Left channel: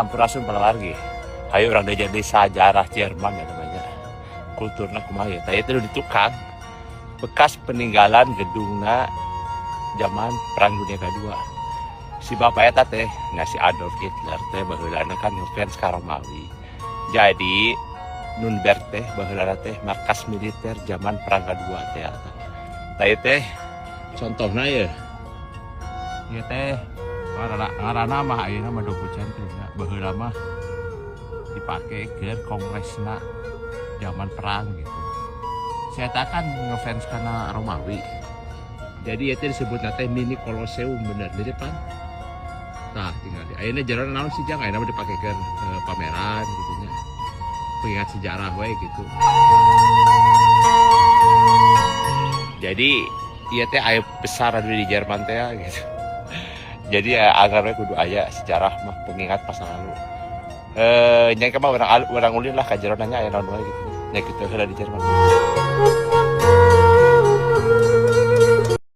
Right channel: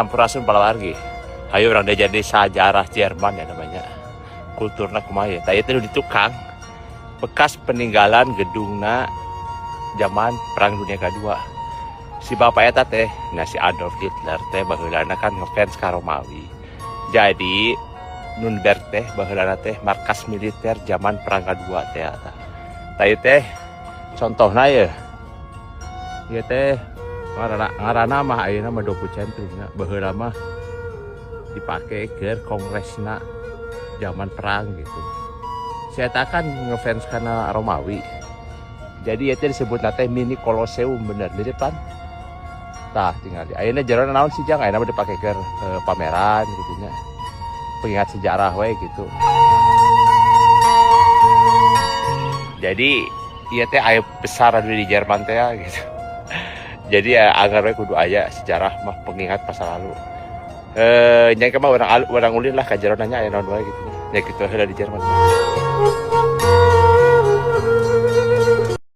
Sampurasun Palawargi. Ayo orang dia jadi sejarah Jerman ya namanya. Kulturna kumaha ya. Tah itu di tukang bekas peninggalan gedungna zaman Perang Dunia Kedua. Si bapak eta teh, nah si Adolf Hitler teh baheulana kan ngefans ka Romawi. Jadi Nürnberg teh baheulana teh markas militer zaman Perang Kedua teh eta. Tah ieu teh contohna ya. Ieu teh ngaranna mah ayeuna mah Doku Centrumna. Baheula mah dipake ke kongresna zaman perang gitu. Saya kan ngefans karena Romawi. Jadi itu disebut nate mini Colosseum bener di depan. Tah tinggal di ayeuna jalan naon sih jang ayeuna dipake ke pameran gitu nya. Pengingat sejarah we gitu. Jadi ieu teh aya besar di Jerman teh gitu. Jadi ya agar we kudu aya sejarah mah pengingat masa lalu. Nyai mah orang ulin lah kajaran nanya aya naon wae gitu. Ya kitu heula di Jerman.